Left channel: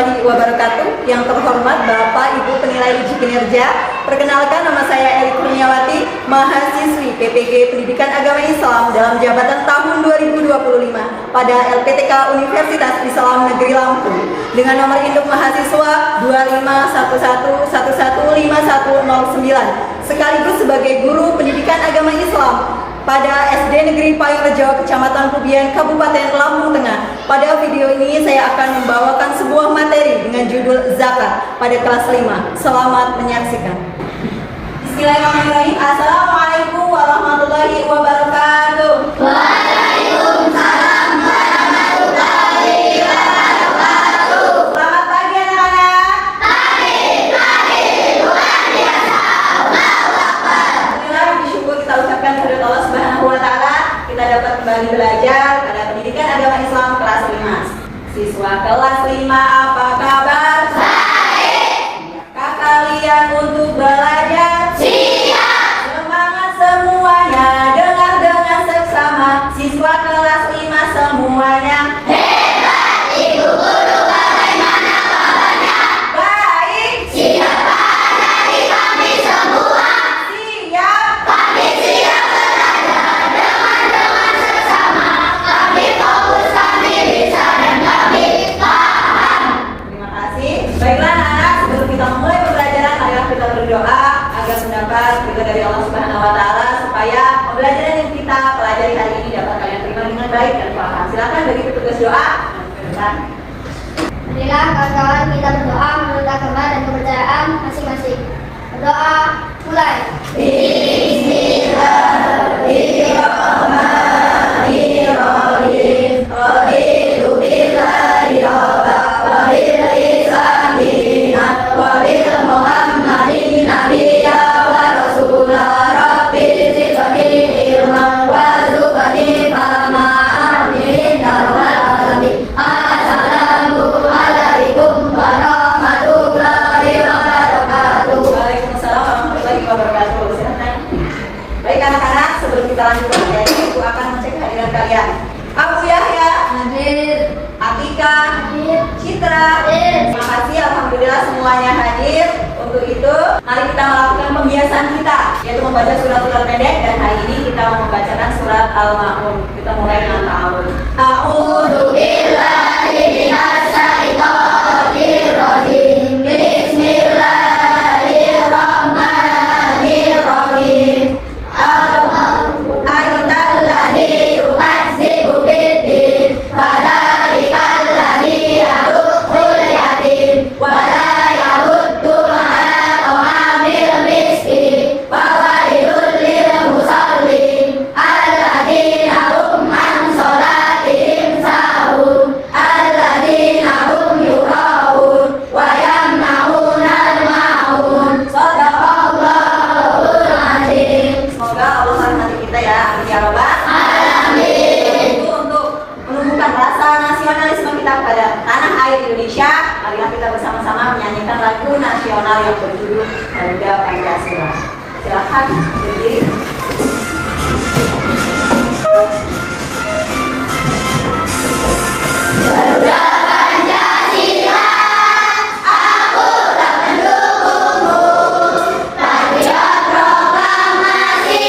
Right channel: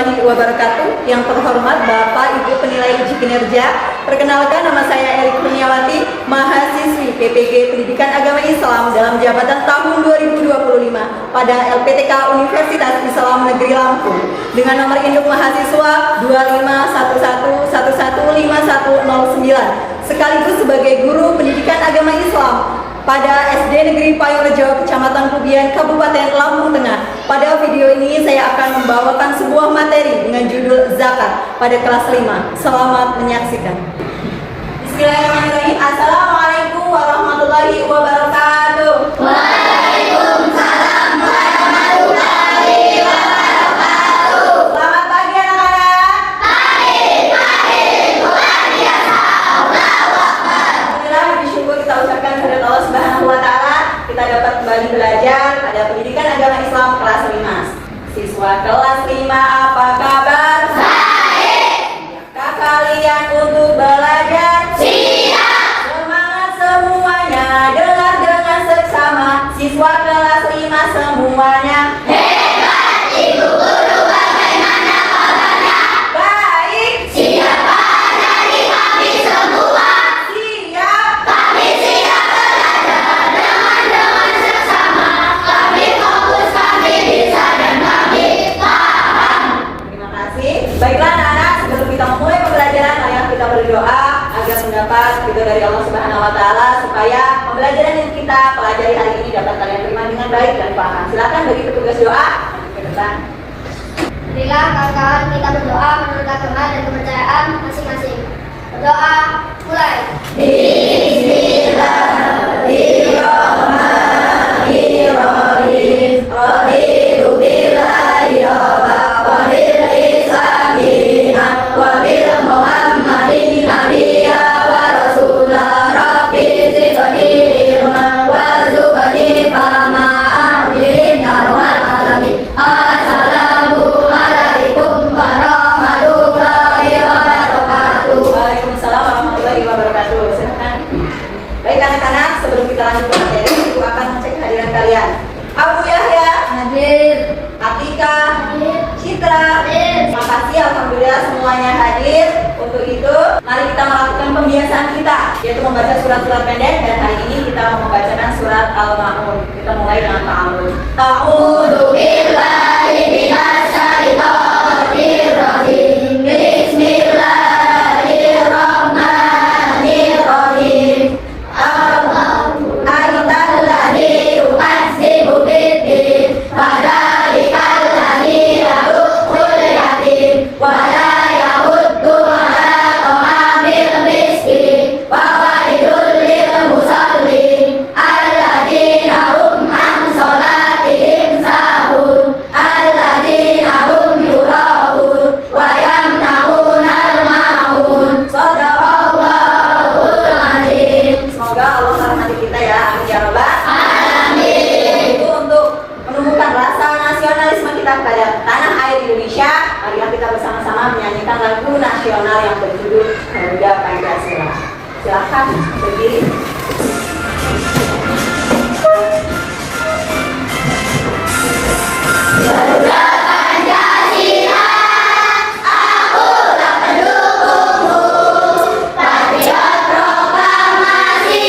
warahmatullahi wabarakatuh. Yang terhormat Bapak Ibu penilai uji kinerja, perkenalkan nama saya Erik Kurniawati, mahasiswi PPG Pendidikan Agama Islam dalam jabatan tahun 2025 pada LPTK Universitas Islam Negeri Lampung dengan nomor induk mahasiswa 2511115109 sekaligus sebagai guru pendidikan agama Islam pada SD Negeri Payungrejo, Kecamatan Kubian, Kabupaten Lampung Tengah. Pada video ini saya akan membawakan sebuah materi dengan judul Zakat pada kelas 5. Selamat menyaksikan. Bismillahirrahmanirrahim. Assalamualaikum warahmatullahi wabarakatuh. Waalaikumsalam warahmatullahi wabarakatuh. Selamat pagi anak-anak. Pagi, luar biasa. Allahu Akbar. Alhamdulillah, bersyukur kita ucapkan kepada Allah Subhanahu wa taala, kita dapat kembali belajar pada pendidikan agama Islam kelas 5. Siswa kelas 5 apa kabar? Baik. Siapkah kalian untuk belajar? Siap. Semangat semuanya, dengar dengan seksama. Siswa kelas 5 semuanya. Hebat. Ibu guru bagaimana kabarnya? Baik. Siapa dari kami semua? Siap. Kami siap belajar dengan seksama. Kami fokus, kami bisa dan kami paham. Terima kasih. Baiklah anak-anak, sebelum kita memulai pembelajaran, marilah kita berdoa agar mendapat ridho dari Allah Subhanahu wa taala supaya pembelajaran yang kita pelajari hari ini dapat kalian terima dengan baik dan paham. Silakan bagi petugas doa maju ke depan. Marilah kawan-kawan kita berdoa menurut agama dan kepercayaan masing-masing. Berdoa mulai. Bismillahirrahmanirrahim. Raditu billahi rabba wa bil islami dinan wa bil muhammadin nabiyya wa rasula. Rabbi zidni ilman warzuqni fahma amin ya rabbal alamin. Assalamualaikum warahmatullahi wabarakatuh. Waalaikumsalam warahmatullahi wabarakatuh. Silakan. Baik anak-anak, sebelum kita lanjut materi, ibu akan mengecek hadiran kalian. Abu Yahya Hadir. Atika, Hadir. Citra, Hadir. terima kasih, alhamdulillah semuanya hadir. Untuk itu, mari kita melakukan pembiasaan kita, yaitu membaca surat-surat pendek. Dan hari ini kita membacakan surat Al-Ma'un. Kita mulai dengan ta'awud. A'udzu billahi minasy syaithanir rajim. Bismillahirrahmanirrahim. Aitalladzi yukadzibu biddin, fadzalikalladzii yadukhul yatim, wa la yahuddu 'ala ta'amil miskin, wa wailul lil musallin, alladzina hum an shalatihim sahun, alladzina hum yura'un, wa yamna'unal ma'un. Shadaqallahul azim. Semoga Allah merahmati kita ya, amin ya rabbal Amin. Itu untuk menumbuhkan rasa nasionalisme kita kepada tanah air Indonesia. Marilah kita bersama-sama menyanyikan lagu nasional yang berjudul Garuda Pancasila. Silakan berdiri. Garuda Pancasila, akulah pendukungmu. Patriot proklamasi,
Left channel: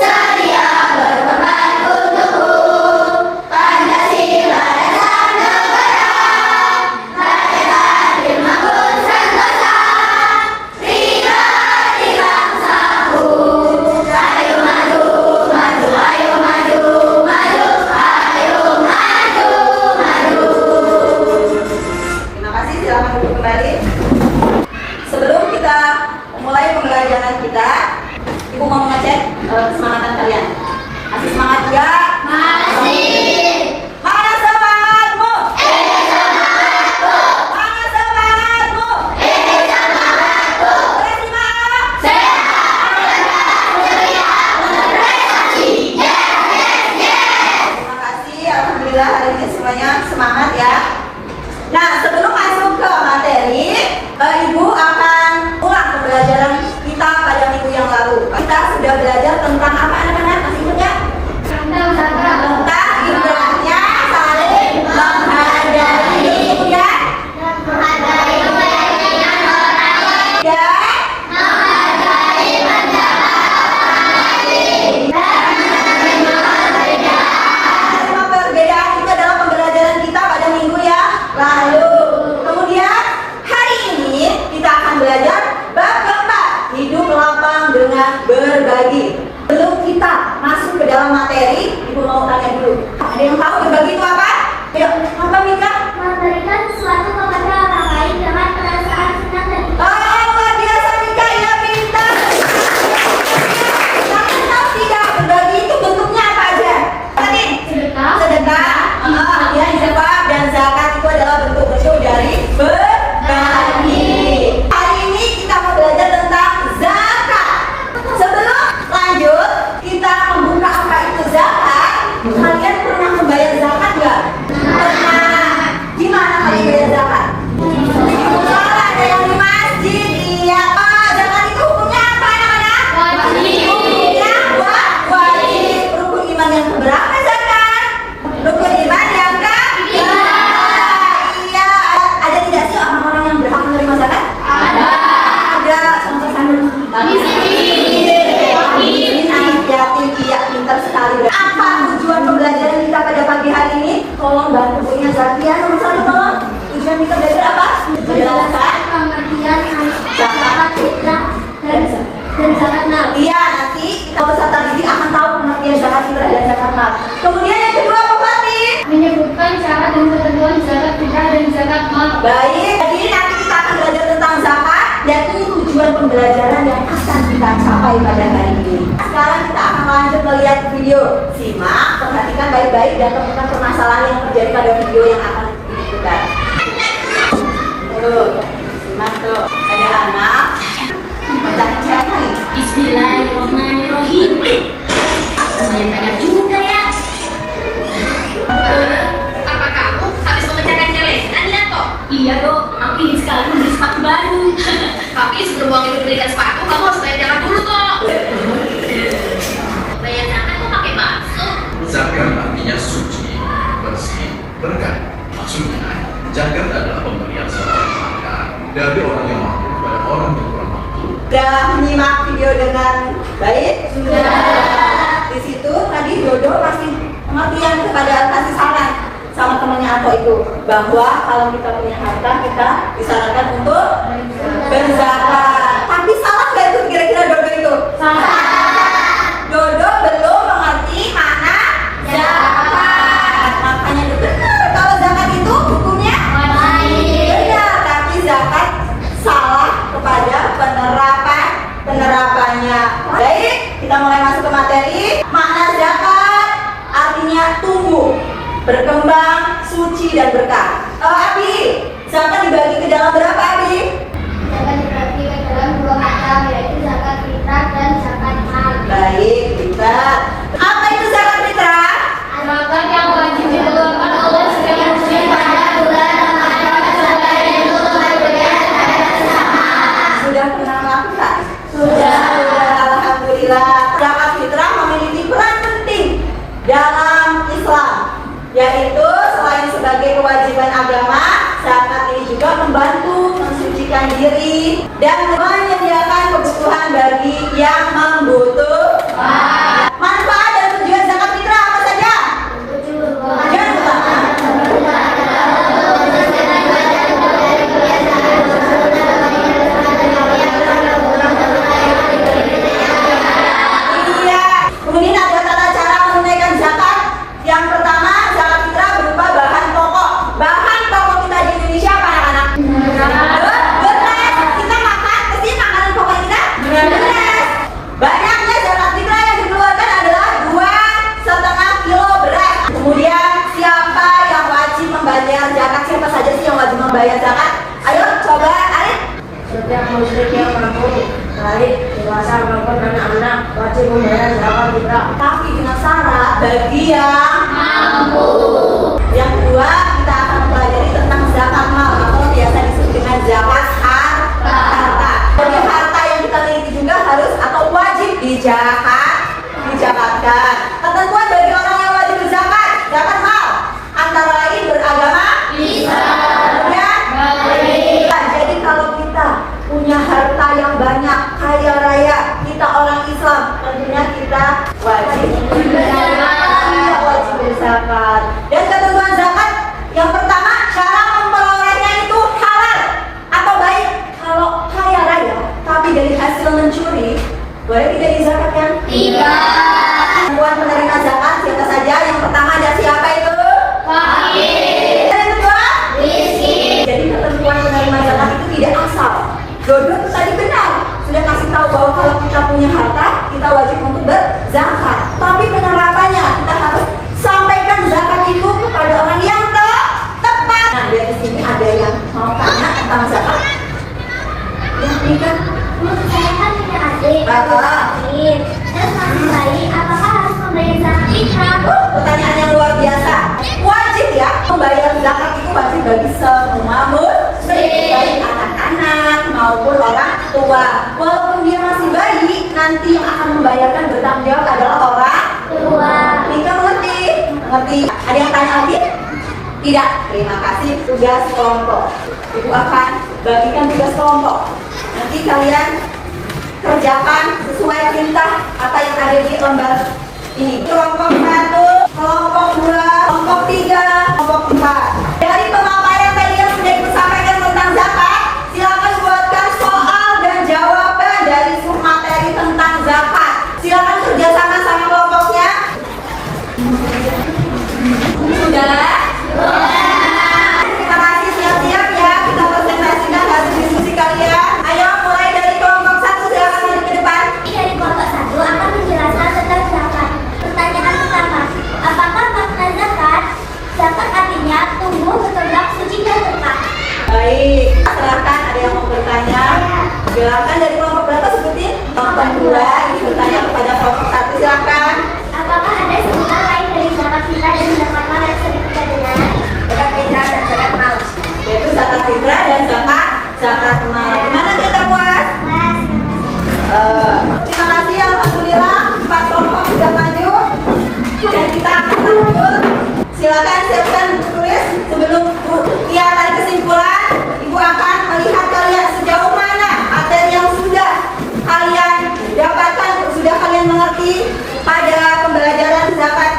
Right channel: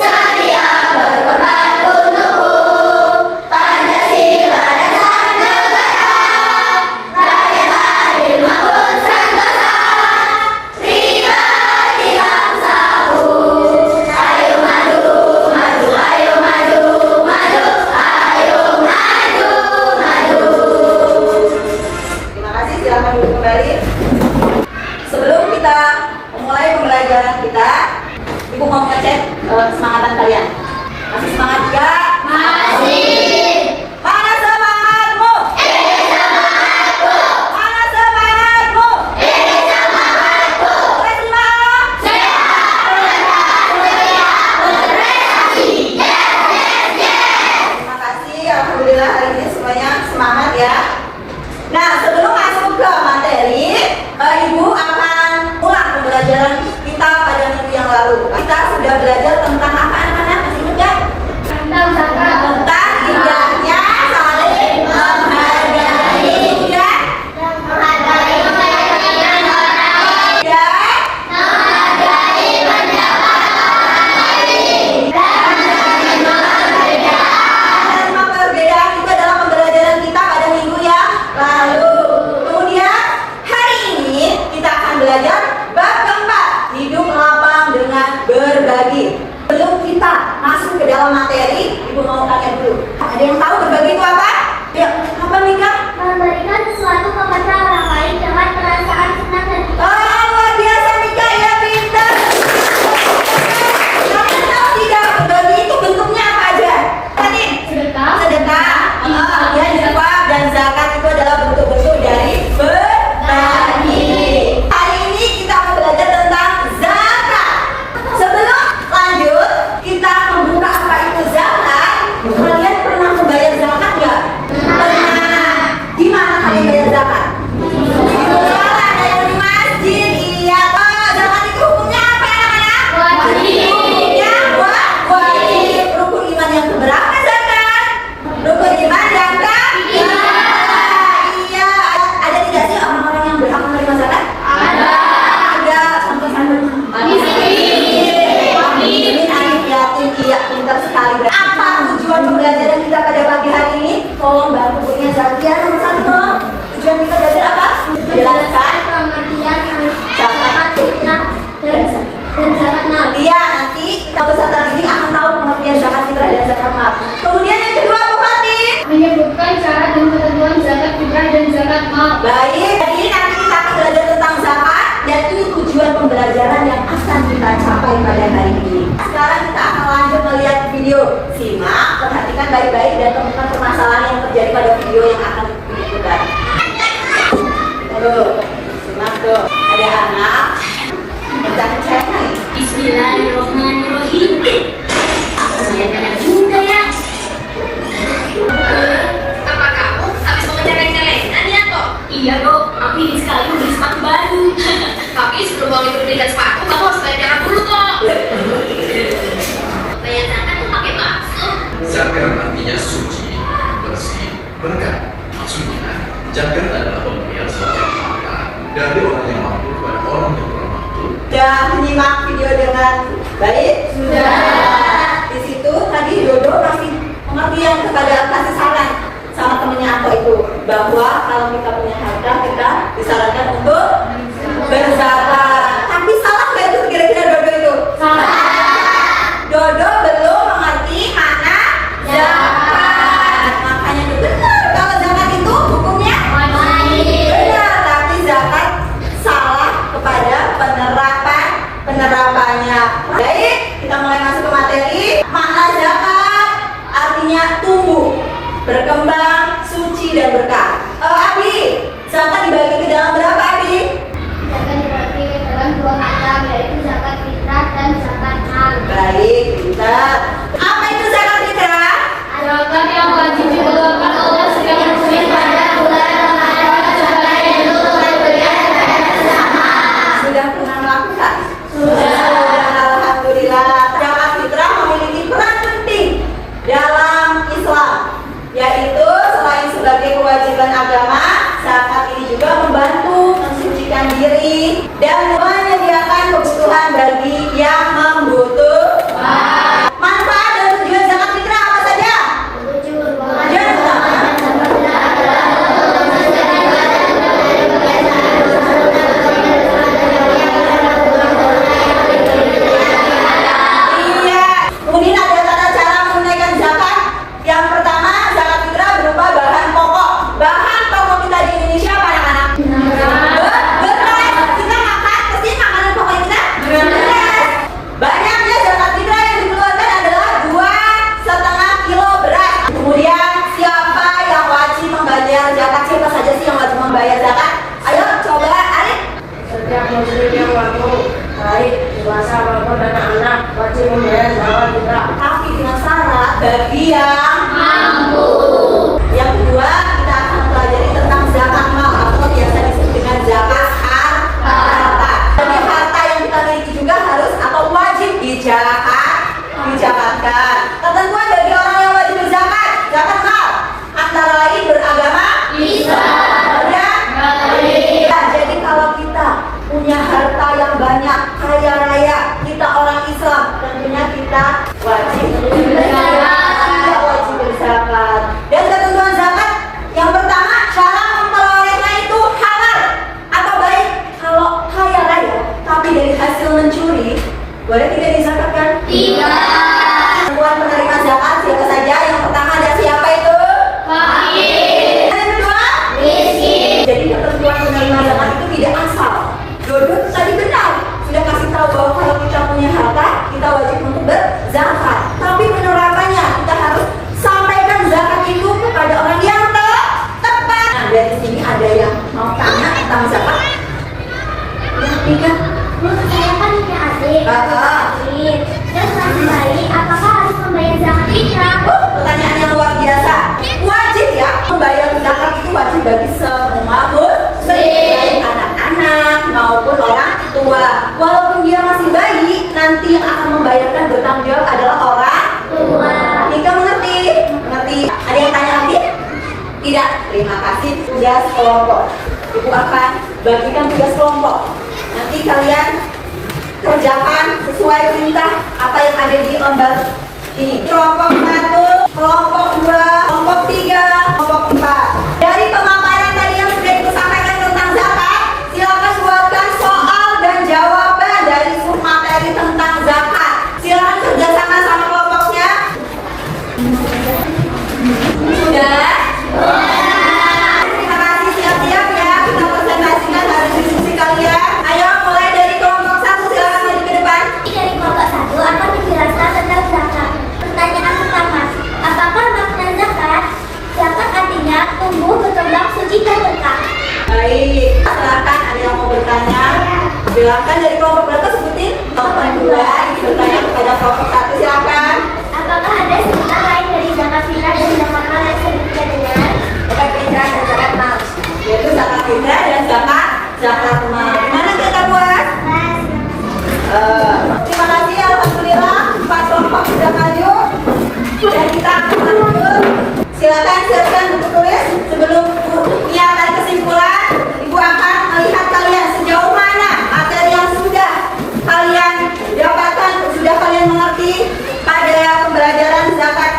sedia berkorban untukmu. Pancasila dasar negara, rakyat adil makmur sentosa. Pribadi bangsaku, ayo maju, maju, ayo maju, maju, ayo maju, maju. Terima kasih, silakan duduk kembali. Sebelum kita memulai pembelajaran kita, Ibu mau ngecek kesemangatan kalian. Masih semangat ya? Masih. Mana semangatmu? Ini semangatku, Mana semangatmu? ini semangatku. Kelas 5A. Sehat, rendah, ceria, berprestasi. Yes, yes, yes. Terima kasih, alhamdulillah hari ini semuanya semangat ya. Nah, sebelum masuk ke materi, Ibu akan ulang pembelajaran kita pada minggu yang lalu. Kita sudah belajar tentang apa anak-anak? Masih ingat ya? Tentang Tentang indahnya saling menghargai. Kemudian Ibu mau tanya dulu. Ada yang tahu berbagi itu apa? Ayo, apa Mika? Memberikan sesuatu kepada orang lain dengan perasaan senang dan Oh, luar biasa Mika ya, pintar. Kalian tahu tidak berbagi itu bentuknya apa aja? Tadi sedekah. sedekah, ya infak dan zakat itu adalah bentuk-bentuk dari berbagi. Hari ini kita mau belajar tentang zakat. Sebelum lanjut, kita membuka apa itu zakat. Kalian pernah membayar zakat nggak? Pernah. Di mana kalian bayar zakat? Salah, ada yang di masjid. Iya. Oh, zakat itu hukumnya apa anak-anak? Wajib. Hukumnya wajib. Rukun iman yang keberapa zakat? Rukun iman yang ketiga. Iya. Ada tidak sih orang-orang yang berhak menerima zakat? Ada. Ada. Contoh saya. Anak yatim, iya pintar sekali. Apa tujuan pembelajaran kita pada pagi hari ini? Tolong bantu punya Zakia nomor 1 tolong. Tujuan kita belajar apa? Menjelaskan Pengertian zakat fitrah dan zakat mal. Iya, nanti kita peserta didik akan tahu pengertian zakat fitrah dan zakat mal. Kemudian yang kedua apa Fatih? Menyebutkan syarat dan ketentuan zakat fitrah dan zakat mal. Baik, jadi nanti kita akan belajar tentang zakat dan ini tujuan pembelajaran yang akan kita capai pada hari ini. Sekarang kita akan lanjut melihat video. Simak, perhatikan baik-baik dan temukan permasalahan yang terjadi pada video yang akan diputar. Tuh, simak tuh, ada anak baca chat nih. Bismillahirrahmanirrahim. Banyak banyak juga ya. Apa kamu habis mengerjakan celengan ya kok? Iya dok, aku ingin sekali membeli sepatu baru. Tapi sebelum uang itu belikan sepatu, kamu harus bayar zakat dulu kok. Bayar zakat tuh pakai maksud. Zakat artinya suci, bersih, berkah. Maksudnya, zakat adalah pemberian suatu harta dari orang yang mampu kepada orang yang kurang mampu. Sudah menyimak video dengan baik? Sudah. Di situ tadi Dodo kasih pengertian kasih saran sama temennya aku itu bahwa kalau kita punya harta kita disarankan untuk berzakat. Tapi salah nggak itu kira-kira Dodo itu? Salah. Dodo belum mengerti mana zakat. Makanya itu benar kalau zakat itu hukumnya benar, tapi zakat salah kepada penerapannya. Baik, kita mulai masuk ke materi. Makna zakat artinya tumbuh, berkembang, suci dan berkah. Abi, zakat dibagi ke dalam berapa Abi? Zakat dibagi ke dalam 2 macam, yaitu zakat fitrah dan zakat mal. Baik, kita. Apa itu zakat fitrah? Zakat yang wajib dikeluarkan oleh setiap muslim pada bulan Ramadan sebagai bentuk pemberian kepada sesama. Sudah pernah melakukan? Sudah. Alhamdulillah. Zakat fitrah memiliki peran penting dalam Islam, yaitu selain sebagai kewajiban agama, zakat ini juga membantu mensucikan diri dan menyediakan kebutuhan bagi yang membutuhkan. Manfaat dan tujuan zakat fitrah apa saja? Yang pertama, iya. Mungkin ada tata cara menunaikan zakat. Yang pertama, zakat fitrah berupa bahan pokok. Bahan pokok kita di Indonesia apa anak-anak? Beras. Kita makan, pasti makanan pokok kita beras. Banyaknya zakat fitrah yang dikeluarkan adalah 2,5 kilo beras. Kemudian siapa yang wajib membayar zakat? Siapa saja sih yang wajib membayar zakat? Ayo coba Arif. Setiap muslim yang mampu, baik dewasa maupun anak-anak, wajib membayar zakat fitrah. Tapi dengan syarat bagi yang Mampu. Yang kedua, kita akan pelajari tentang zakat mal atau biasa disebut dengan zakat harta. Jadi harta yang kita miliki juga harus atau wajib dizakatkan. Ketentuan bagi orang yang wajib berzakat, zakat mal antara lain beragama Islam. dan Baik. jadi kalau kita punya harta yang banyak, kaya raya, kita orang Islam, tentunya kita wajib berzakat. tentang zakat? Ya, Mika. Menurut saya kan punya adik. Terus masih bayi, apakah harus membayar zakat fitrah? Pertanyaan yang luar biasa. Wajib ya, membayar zakat itu wajib bagi semua muslim, baik anak-anak maupun orang tua. Walaupun dia masih bayi, nanti yang akan membayarkan bertanggung jawab adalah orang Tua. Nika mengerti? Mengerti. Ada yang tanya lagi? Tidak. Terima kasih. Tugas kelompok. Ibu akan bagikan tugas kelompok. Nanti kalian kerjakan sesuai perintah apa yang ada di lembar ini. Kelompok 1, kelompok 2, kelompok 3, kelompok 4. Dari pemaparan tadi yang sudah disampaikan tentang zakat, silakan buatkan soal dan jawaban dari materi tentang zakat. Silakan kerjasama sama kelompoknya. Sudah? Terima kasih, siap-siap ya. Kita presentasikan hasil diskusi kalian. Ayo mulai dari kelompok 1, silakan maju ke depan. Dari kelompok 1 akan menjelaskan tentang zakat. Pertanyaan pertama, apakah makna zakat? Zakat artinya tumbuh, berkembang, suci, dan berkah. Baik, silakan ada yang mau bertanya. Silakan dari kelompok berapa sebutin? Kelompok 2 bertanya kepada kelompok 1, silakan. Apakah ada sebutan lain dari zakat fitrah dan zakat mal yang serupa dengan Zakat fitrah dan zakat mal, yaitu zakat fitrah dan zakat mal. Mana kita buat? Terima kasih, alhamdulillah 4 kelompok sudah maju. Dan kita akan lanjut. Silakan siapkan buku tulis sebelum yang tarik kesimpulan. Ibu akan melihat kalian sejauh mana materi yang sudah kalian dapatkan, sudah kalian mengerti pada pembelajaran zakat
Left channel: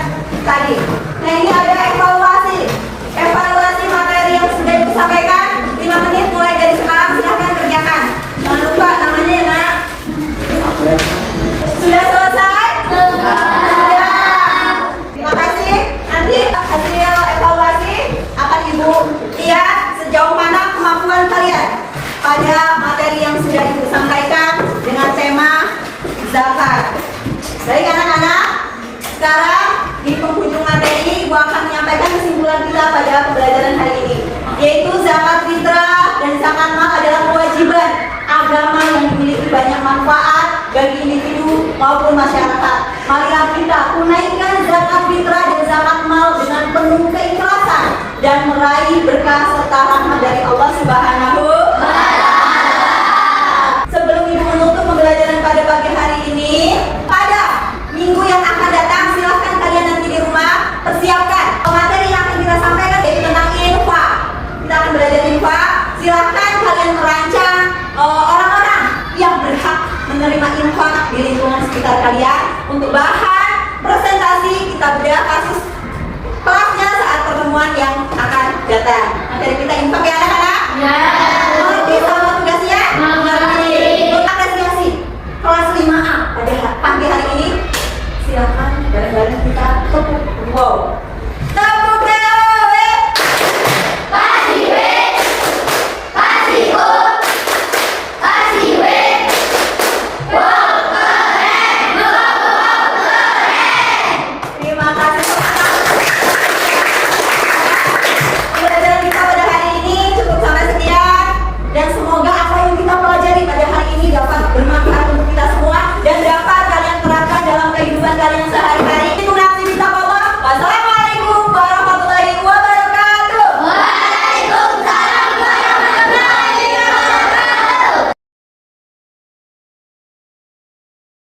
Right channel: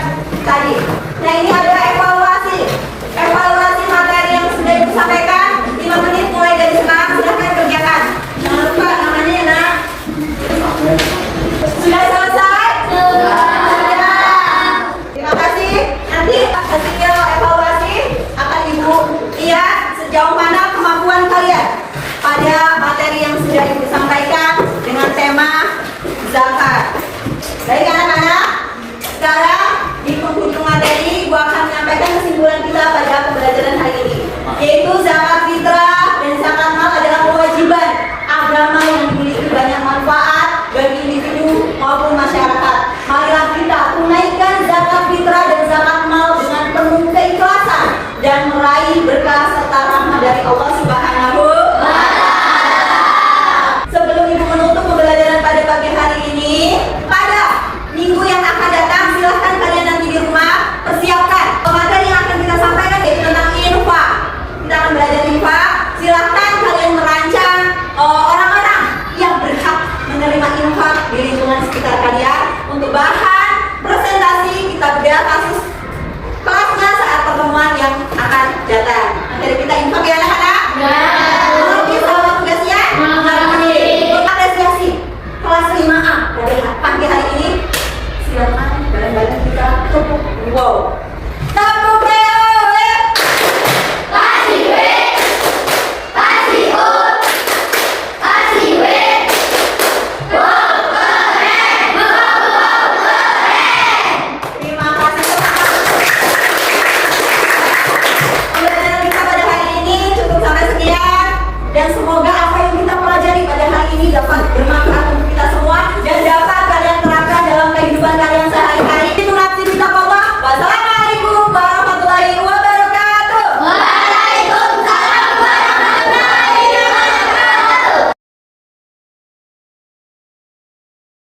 tadi. Nah, ini ada evaluasi materi yang sudah disampaikan. 5 menit mulai dari sekarang, silahkan kerjakan. Jangan lupa namanya ya nak. Sudah selesai? Terima kasih. Nanti hasil evaluasi akan Ibu lihat sejauh mana kemampuan kalian pada materi yang sudah Ibu sampaikan dengan tema zakat. Baik anak-anak, sekarang di penghujung materi Ibu akan menyampaikan kesimpulan kita pada pembelajaran hari ini, yaitu zakat fitrah dan zakat mal adalah kewajiban agama yang memiliki banyak manfaat bagi individu maupun masyarakat. Marilah kita tunaikan zakat fitrah dan zakat mal dengan penuh keikhlasan dan meraih berkah serta rahmat dari Allah Subhanahu wa Ta'ala. Sebelum Ibu menutup pembelajaran pada pagi hari ini, pada minggu yang akan datang silahkan kalian nanti di rumah persiapkan materi yang akan kita sampaikan, yaitu tentang infak. Kita akan belajar infak. Silahkan kalian merancang orang-orang yang berhak menerima infak di lingkungan sekitar kalian. Untuk bahan presentasi kita bedah kasus kelasnya saat pertemuan yang akan datang. Materi kita infak ya anak-anak? Ya. Mengerti sama tugasnya? Mengerti. Untuk apresiasi kelas 5A pada pagi hari ini, silakan bareng-bareng kita tepuk wow.